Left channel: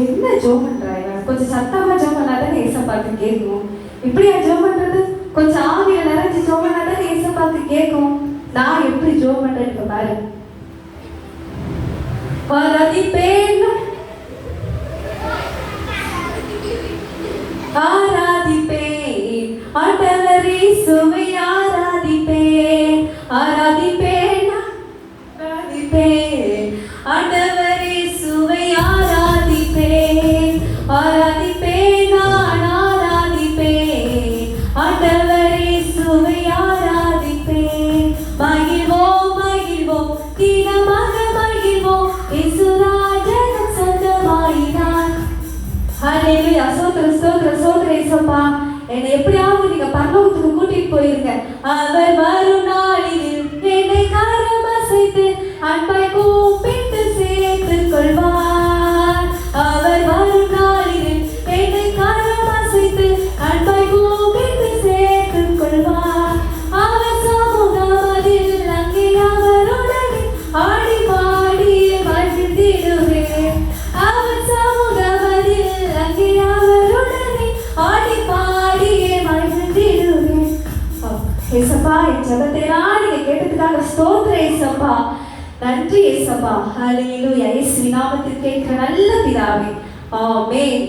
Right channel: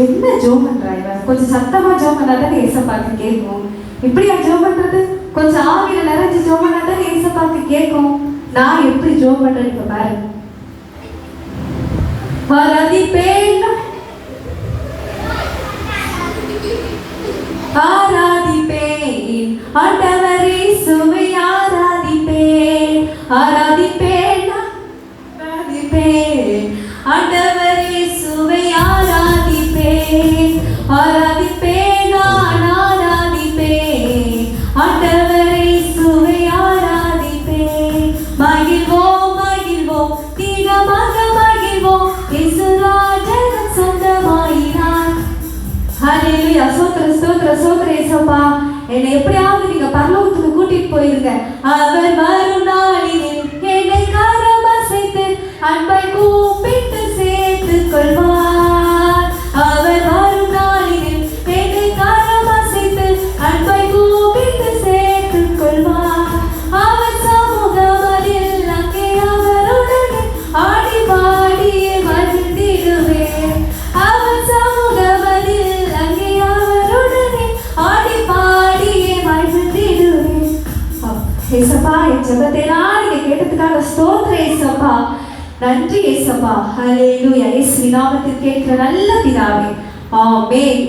என்ன ஜோம் பண்றாங்க? கொஞ்சம் சத்தமா ஜோம் பண்ணாதான் ஏசப்பாக்கு கேட்கும். இப்படியா ஜோம் பண்றது? கொஞ்சம் ஆவியில நிறைஞ்சு ஜோம் பண்ணாதான் ஏசப்பாக்கு கேட்கும். நான் எப்படி ஜோம் பண்றேன் இப்ப பாரு. ஆராதிப்பேன் ஆராதிப்பேன் ஆண்டவரே சுவை ஆராதிப்பேன் ஆராதிப்பேன் ஆராதிப்பேன் ஆண்டவரே சுவை ஆராதிப்பேன் ஆராதிப்பேன் நான் ஆராதிப்பேன் ஆண்டவரே சுவை ஆராதிப்பேன். மகிழ்வோம் மகிழ்வோம் தினமாக மகிழ்வோம் இயேசுராஜன் சொந்தமாயினார். ஹல்லேலூயா. ஸ்தோத்திரம் ஸ்தோத்திரம் ஸ்தோத்திரம் இயேசுப்பா. என்னை எப்படியாவது நீங்க பரலோகத்துக்கு கூட்டிட்டு போயிருங்க. அவர் வரும் நாளில் என்னை கரம் அசைத்து அன்பாய் கூப்பிட்டு சேர்த்துக் கொள்வார். அவர் வரும் நாளில் என்னை கரம் அசைத்து அன்பாய் கூப்பிட்டு சேர்த்துக் கொள்வார். அவர் சமூகத்தில் அங்கே அவருடனே ஆடி பாடியே மகிழ்ந்திடுவேன். அவர் சமூகத்தில் அங்கே அவருடனே ஆடி பாடியே மகிழ்ந்திடுவேன். ஏசப்பா, என் ஜெபத்தை நீங்க கேட்டதுக்காக ஸ்தோத்திரம் ஏசப்பா. நன்றி ஏசப்பா. ஹல்லேலூயா. இயேசுவின் நாமத்தில் கேட்கிற நல்ல பிதாவே, ஆமென்.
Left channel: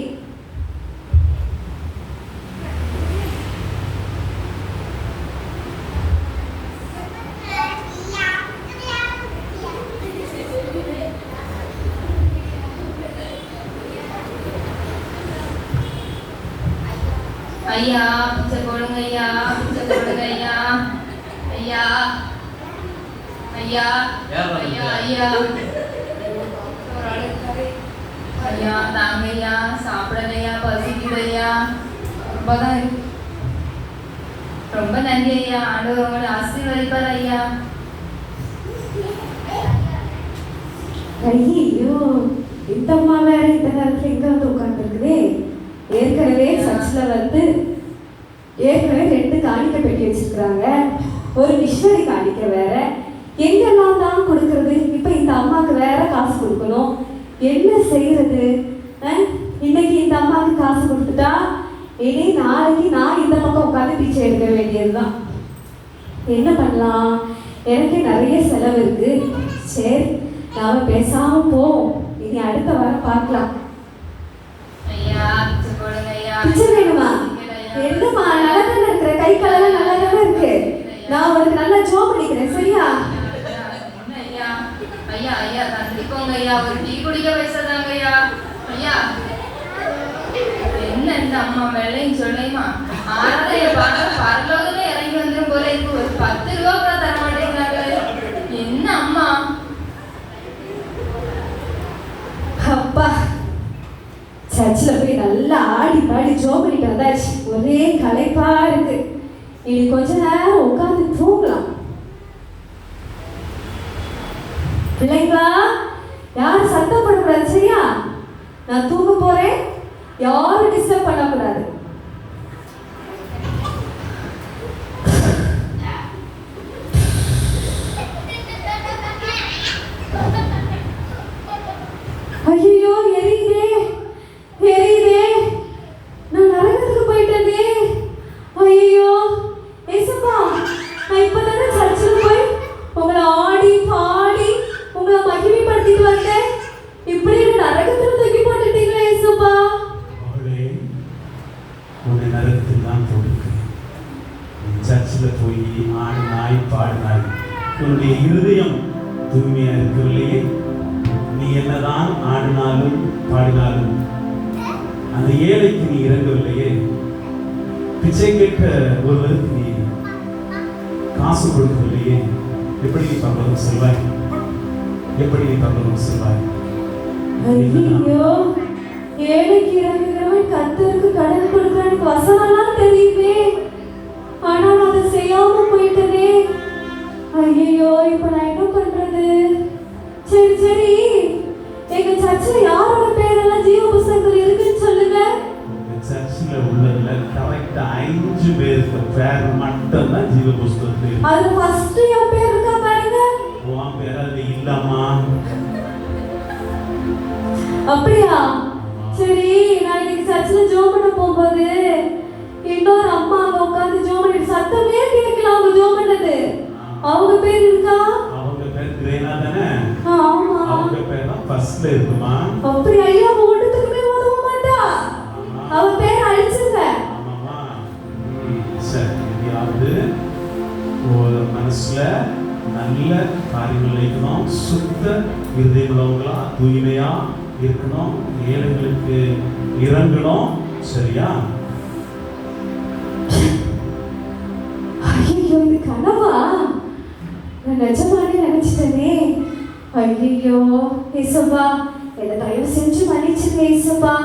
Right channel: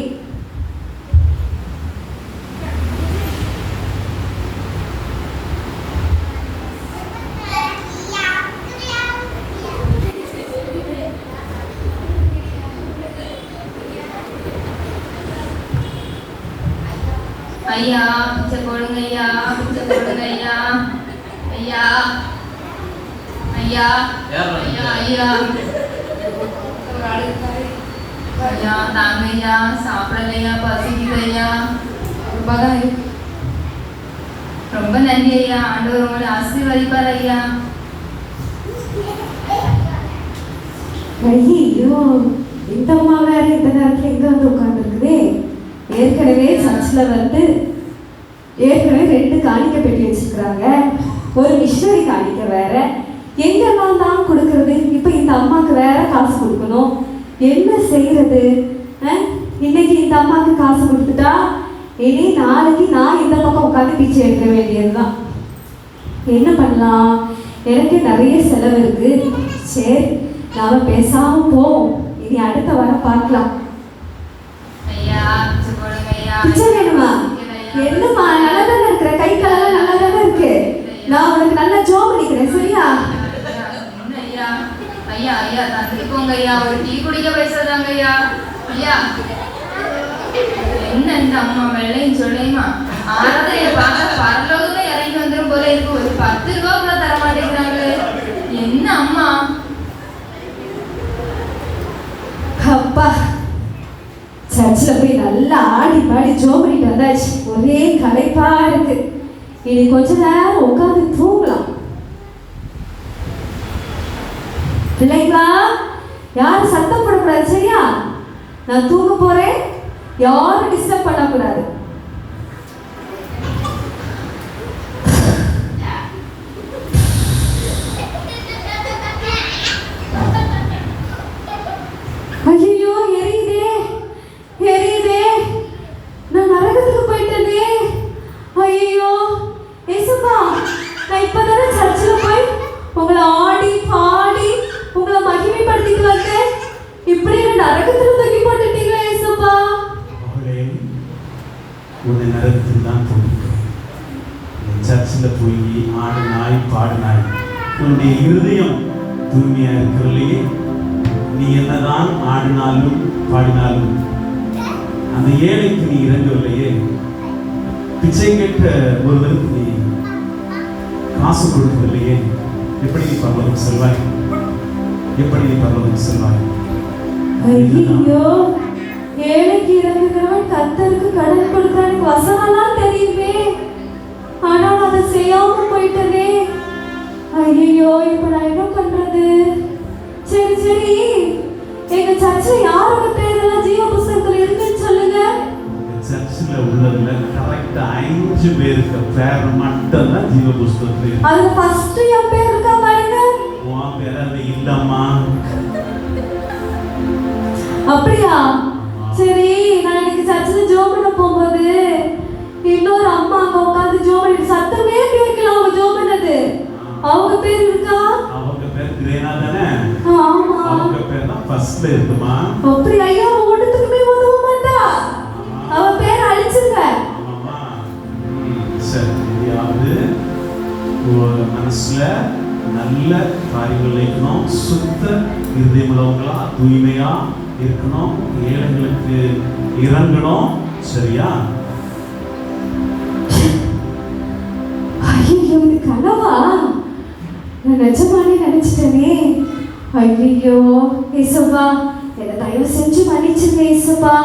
ஐயா பிச்சை போடுங்க ஐயா, பிச்சை போடுங்க ஐயா. ஐயா ஐயா ஐயா ஐயா ஐயா தாங்க ஐயா, சாப்பிடலையா, பசிக்குது ஐயா. ரொம்ப நன்றி ஐயா. ஆண்டவர் உங்களை ஆசீர்வதிப்பார் ஐயா. ஐயோ, இந்த அம்மா வேற இந்த நேரத்துல இங்க வந்து உட்கார்ந்துருக்குதே. ஏற்கனவே சர்ச்சில் வந்து ஏற்கனவே 2 காணிக்க பெட்டி வச்சிருக்கிறாங்க. ஒரு மிஷனரி காணிக்க வேற. எங்கெல்லாம் தான் கொடுக்கறது? இப்போ இந்த அம்மாவுக்கு வேற காசு கொடுக்கணும். என்ன செய்யறது? இன்னைக்கு இந்த அம்மாவுக்கு காசு கொடுத்துட்டா இனி நாளைக்கு நான் இந்த பக்கம் உட்காந்து பிச்சை எடுக்க வேண்டியதுதான். என்ன பண்ணலாம்? எனக்கு நிறைய செலவு இருக்கு. சரி, நாம பேசாம போவோம். இனி அடுத்த வாரம் பார்க்கலாம். பிச்சை வேணுமா? என்னம்மா, நல்லா தானே இருக்கிற, கை காலெல்லாம் நல்லா தானே இருக்கு. நான் உனக்கு நல்லா ஜோம் பண்ணிக்கிறேன், சரியா? ஐயா ஐயா தந்திக்கோங்க ஐயா, ஒரு டீ குடிக்க பேசுறாங்க ஐயா. ஐயா என்ன இந்த அம்மா வேலைன்னு சொல்லியுமா ஆராதைய பார்க்க பரலோகமே இறங்கி வந்துடும் போல இருக்கு. ஒரு 10 ரூபா கூட தர மாட்டேங்கிறாங்க. என்ன அம்மா? அப்பா, சர்ச்சில் போய் நல்லா ஆடி பாடி ஜோம் பண்ணிட்டு வந்தாச்சு. ஒரே களைப்பா இருக்கு. இனி கொஞ்ச நேரம் உட்காந்து தூங்கலாம். பிள்ளைங்களா, யாரும் சத்தம் போடக்கூடாது, சரியா? நான் தூங்க போறேன். யாரும் டிஸ்டர்ப் பண்ணக்கூடாது. ஐயோ, எரியுதே எரியுதே, நான் நரகத்துக்கு போயிட்டதே. ஐயோ ஏசப்பா, நான் இப்பதானே சர்ச்சில் போய் உங்களை ஆடி பாடி உங்களை மகிமைப்படுத்திட்டு வந்தேன். இப்படி நரகத்துல தூக்கி போட்டுட்டீங்களா ஏசப்பா? ஒரு நரகத்தில் தான் போட்டு சர்ச்சில் போய் ஆடினாய் பாடினாய். உன்னுடைய இருதயம் தூய்மையா இருக்கவில்லையே. நீ என்னதான் ஆடினாலும் பாடினாலும் அந்த ஏழைக்கு நீ இறங்கவில்லையே. பிச்சை கேட்க ஒருவருக்கு நீ காசு கொடுக்கவில்லையே. எப்படி நீ பரலோகம் செல்வாய்? எப்படி நீ பரலோகம் செல்வாய்? ஐயோ, ஏழைக்கு இறங்குகிறவன் கர்த்தருக்கு கடன் கொடுக்கிறான் வசனம்லாம் தெரியுமே. ஆனால் அதை செய்யாம போயிட்டதே. ஐயோ, இப்ப நான் என்ன பண்றது? சரி சரி, எங்க சர்ச்சில் யாரோட பேரெல்லாம் ஜீவ புஸ்தகத்தில் இருக்குன்னு சொல்லுங்க. சர்ச்சில் உள்ளதுல கரெக்டா 5 பேருக்கு பேர் மட்டும் தான் ஜீவ புஸ்தகத்தில். அது ஃபர்ஸ்ட் என் பேர் இருக்கா பாருங்க. உன் பேர் அது இல்லம்மா. அப்படியா? சரி, நான் இன்னைக்கு சர்ச்சில் ஜோம் பண்ண போகும்போது இன்னொரு அம்மா அங்க உட்காந்து ஜோம் பண்ணி சத்தமே கேட்கல. அவங்க ஜோம் பண்ணது. அவங்க பேர் இருக்கா? அவங்க பேர் கிரேனா தானே? ஆமா. அவங்க பேர் தான் ஃபர்ஸ்ட்ல இருக்குமா? அப்படி ஐயா ஓடுறதுக்குமே உதவ மாட்டா. அவ பேர் அழிச்சுங்க. ஆமாமா. சரி, யாவது மனசுல நல்ல காரியங்கள் வைக்கணும், சுத்த இருதயமுள்ளவங்களா தூய்மையா இருக்கணும், ஏழைகளுக்கு இறங்கணும். சரியா? ஐயோ, இது கனவா? நான் நிஜமானே நினைச்சிட்டேனே. ஐயோ ஏசப்பா, என்னை தயவு செஞ்சு மன்னிச்சுங்க ஏசப்பா.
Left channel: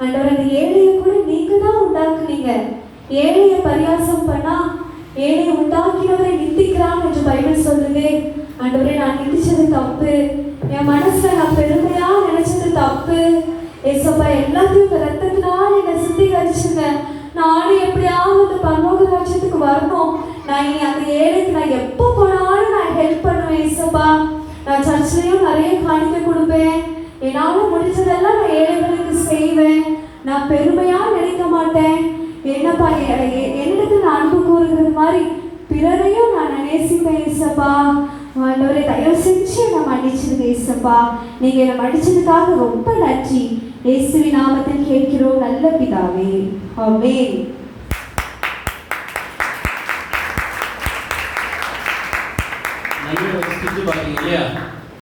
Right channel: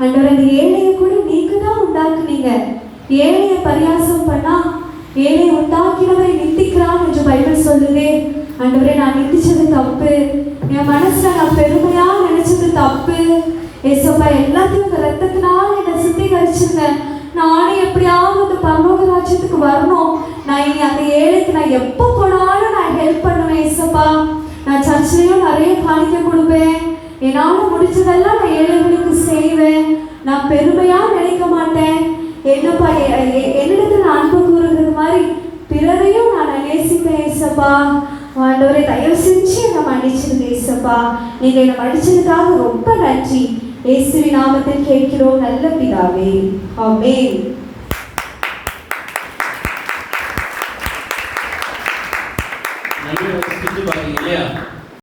ஆண்டவரே, அந்த ஏழையை கூட நீங்க தான் உண்டாக்குனீங்க. ஏழையை பரியாசம் பண்ணா ஏழையை உண்டாக்கினவரை நிந்திக்கிறான் என்று பைபிள் சொல்லுதே. ஆண்டவரே, நான் நிந்திச்சது தப்பு. என் மனசுல நான் பெருமையா நினைச்சது தப்பு. ஏசப்பா, எல்லாத்தையும் உங்க ரத்தத்தினால் என்னை சுத்திகரிச்சுங்க. நானும் எப்படியாவது அந்த பரலோக ராஜ்யத்துக்கு வரணும். நான் இனி அந்த ஏழைக்கு நான் எப்போ போனாலும் நான் ஹெல்ப் பண்ணுவேன் ஏசப்பா. நான் சர்ச்சிலையும் நிறைய காணிக்க கொடுப்பேன். என்னால் முடிச்சதெல்லாம் நான் ஏழைகளுக்கு செய்வேன். நான் பெருமையா நினைக்க மாட்டேன். என்னப்பா, என்னிடத்துல நான் அன்பு கூறுகிறது மாதிரி பிறரையும் நான் நேசிப்பேன் ஏசப்பா. ஆண்டவரே, தயவு செஞ்சு என்னை மன்னிச்சிருங்க ஏசப்பா. நீங்க என்னை மன்னிச்சதுக்காக ரொம்ப நன்றி. இயேசுவின் நாமத்தில் கேட்கிறோம் நல்ல பிதாவே. ஆமென்.